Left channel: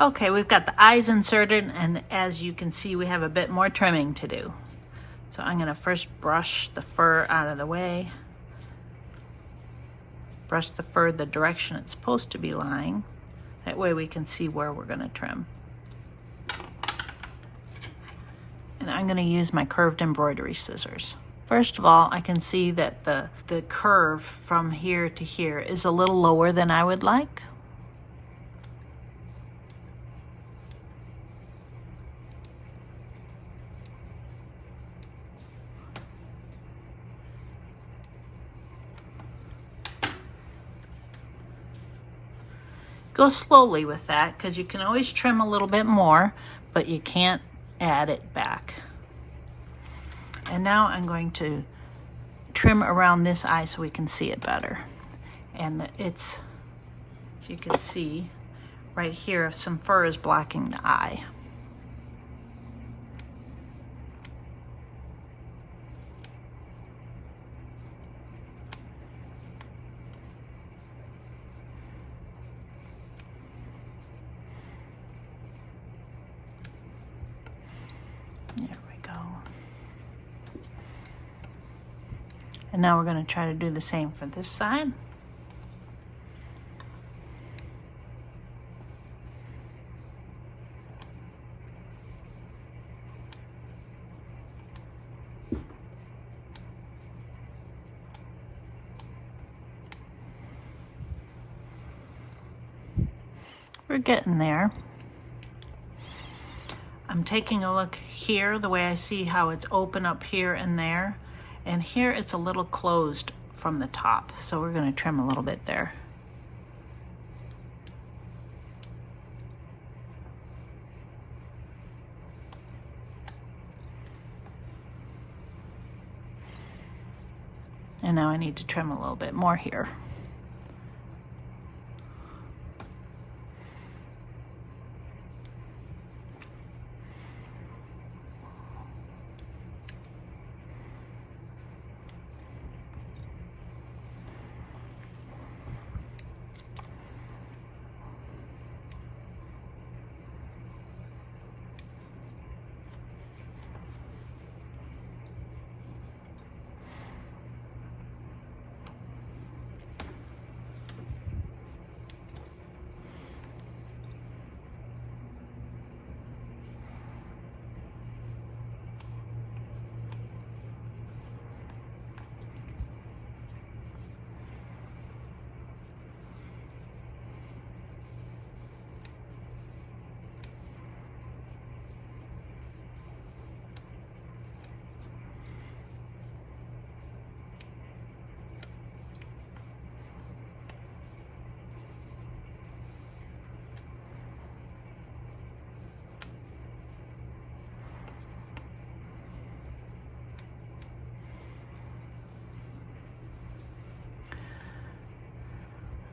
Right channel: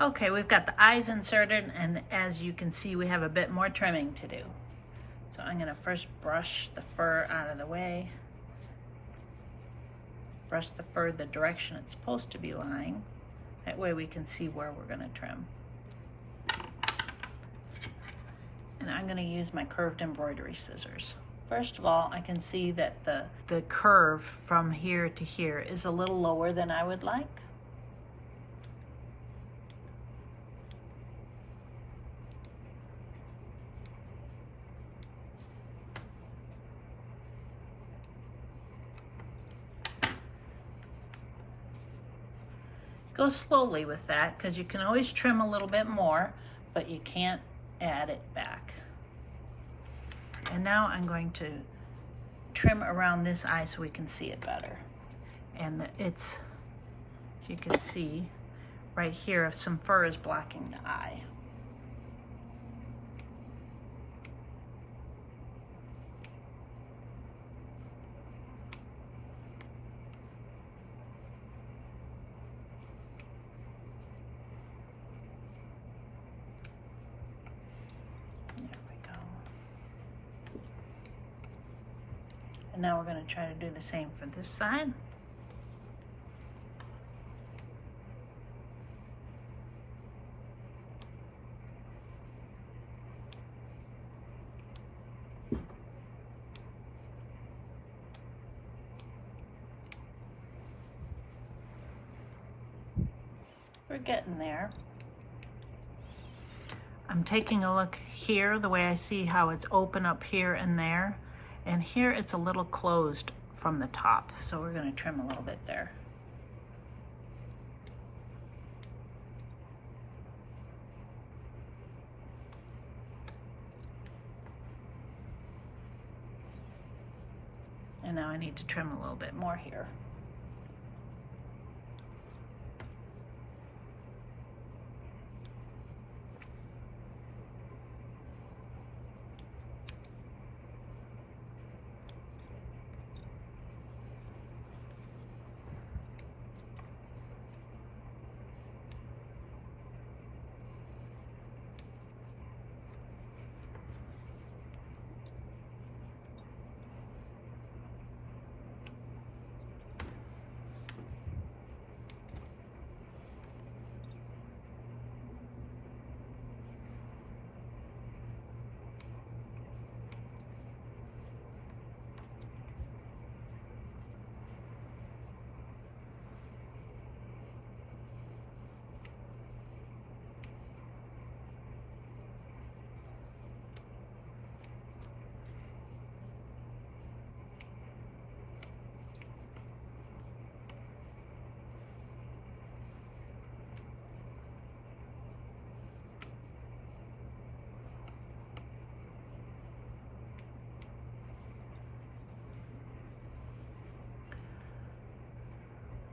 Okay, we've got the eyes inserted, and as you can see, we have a bit more trimming to do. So I'm gonna first brush the fur out of the way. Brush the fur the direction it's supposed to be lying. That way we can see where we're gonna trim. And I'm gonna use my curved embroidery scissors. First of all, I can see that the curve from here to here is a little lower than I would like. Go slowly with that, because you can always trim a little bit more, but you can't add it back. And now I'm going to trim around this eye so we can see it better. And it's, as you can see, right here, some fur is blocking the eye. And now we're going to try to do the same for this side. We're getting there. I'm taking a look here, the way I see how it's open up here and there. And here it's a little closed from the top, so we're going to trim a little bit there. And now I need to trim a little bit more here.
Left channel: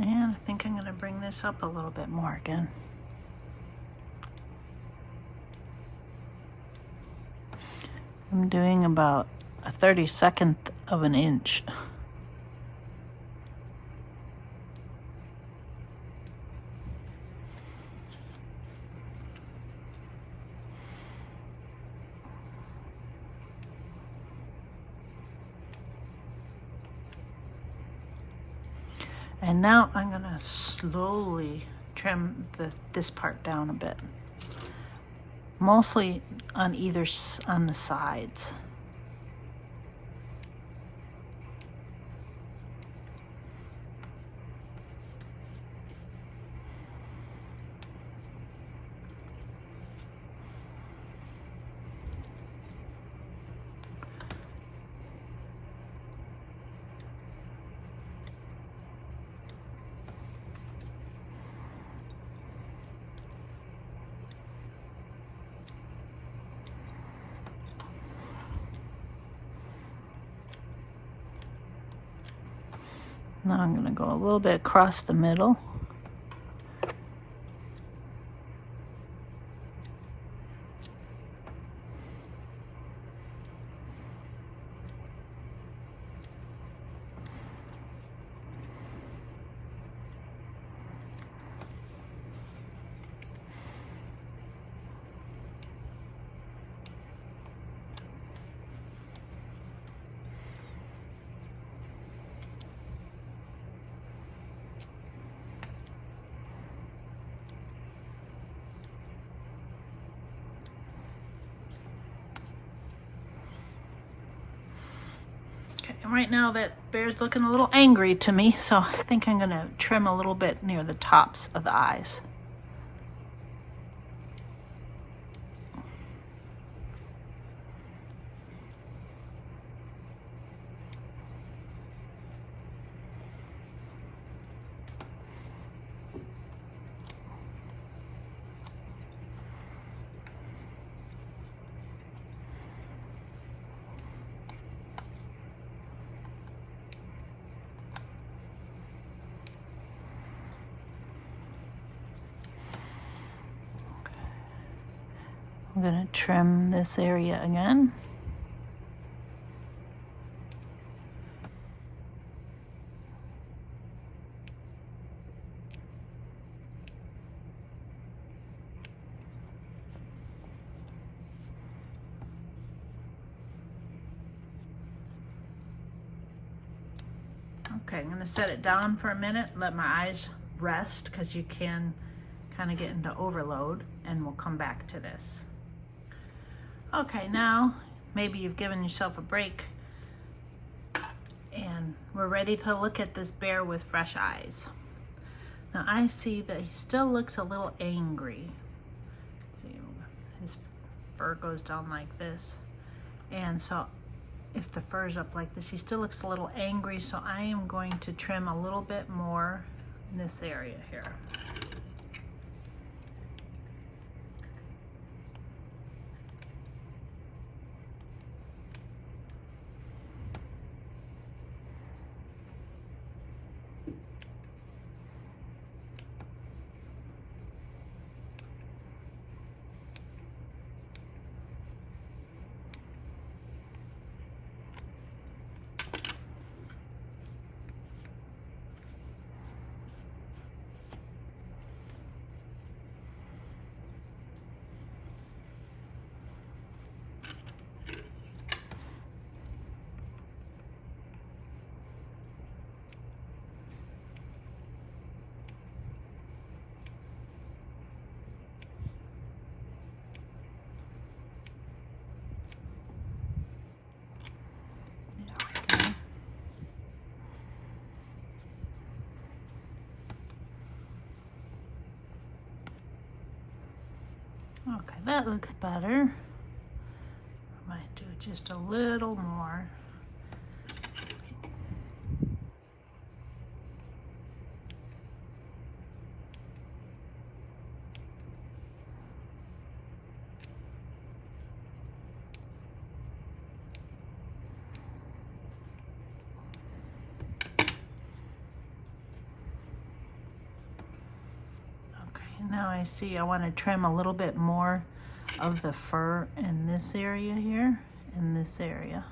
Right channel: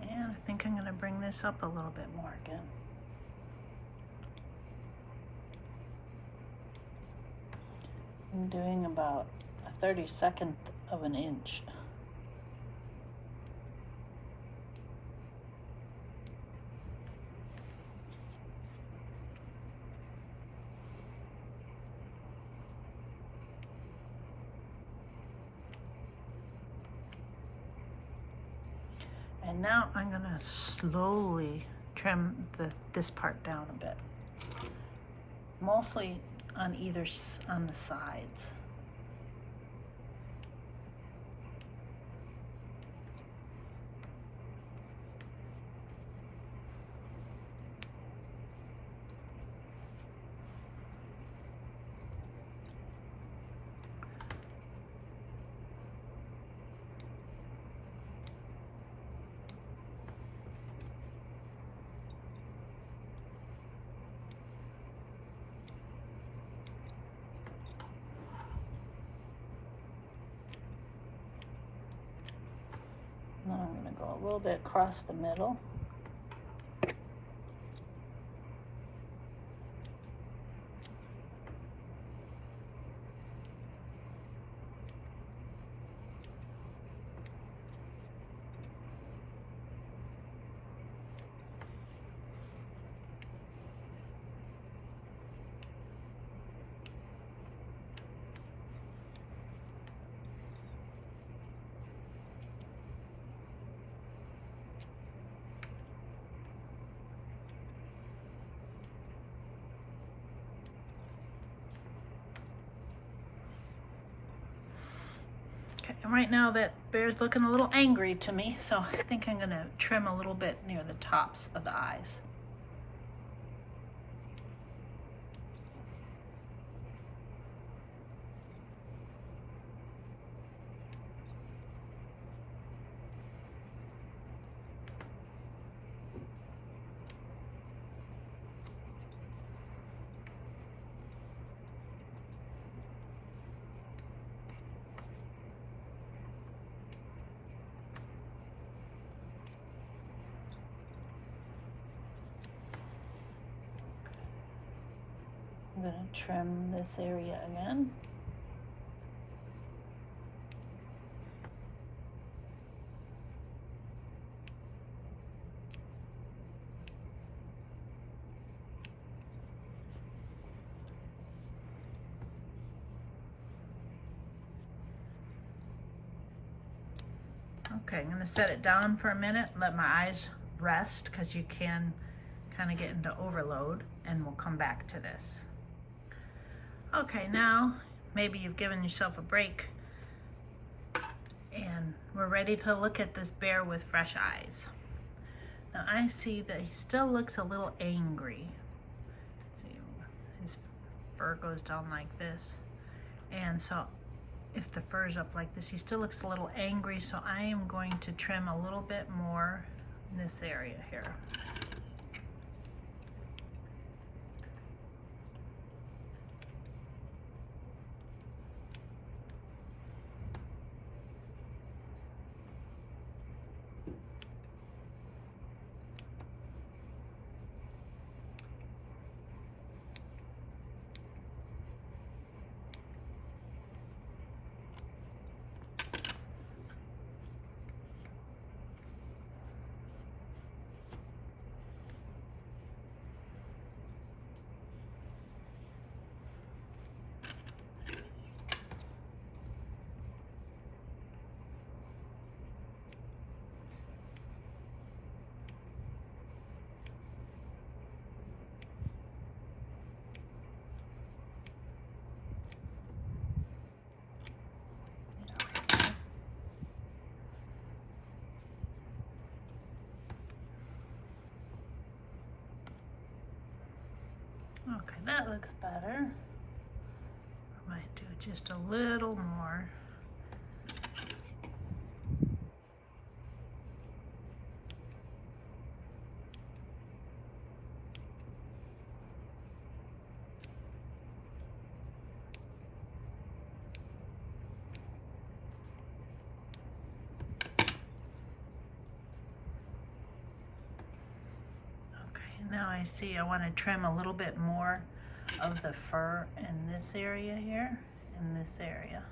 And I think I'm going to bring this up a little bit more again. I'm doing about a 32nd of an inch. And now I'm going to slowly trim this part down a bit, mostly on on the sides. Now I'm going to go a little bit across the middle. And right now that bear's looking a little angry to me, so I think I'm gonna trim a little bit near the tops of the eyes. I'm going to trim this area again. Okay, I'm going to set it down for a minute, let my eyes rest, because you can kind of get into overload, and we'll come back to this. Okay, now maybe you've given yourself a break and we're ready to look at this bear with fresh eyes. Now I see that he still looks a little angry. Let's see, his fur goes down like this. And so if the fur's up like this, he still looks a little angry, so I am going to trim a little bit more in this area here. Okay, that looks better. I might do just a little more. Now I see I want to trim a little bit more of the fur in this area here, in this area.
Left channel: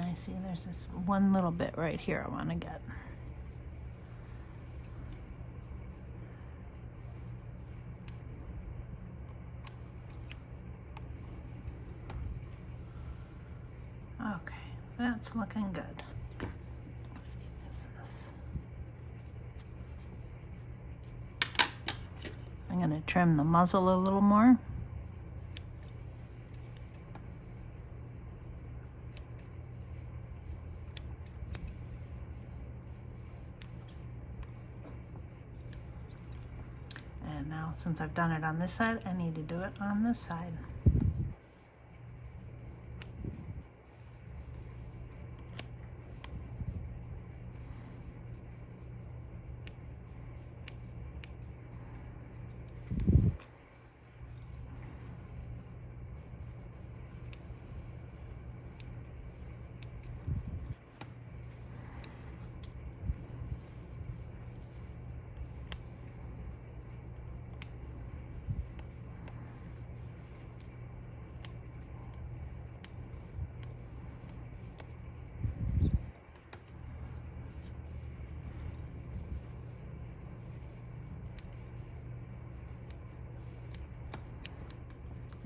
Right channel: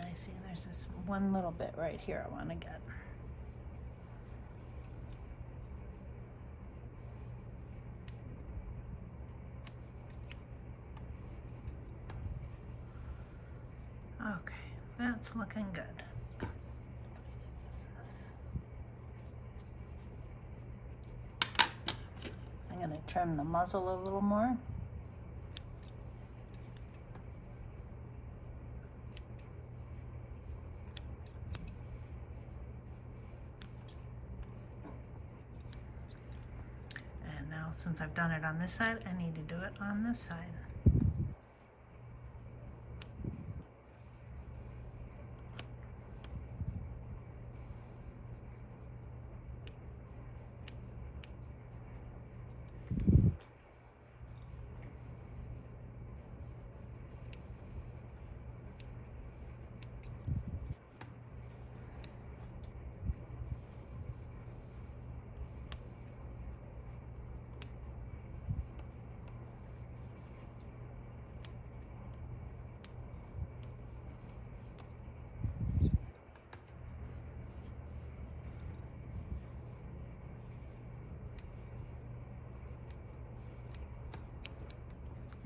I see there's this one little bit right here I want to get. Okay, that's looking good. I'm going to trim the muzzle a little more. And now, since I've done it on this side, I need to do it on this side.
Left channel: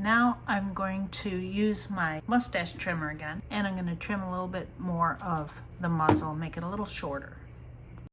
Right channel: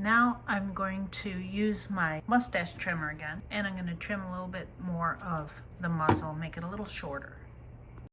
Now I'm going to use my mustache trimmer again, and I'm going to trim a little bit more of the muzzle, make it a little shorter.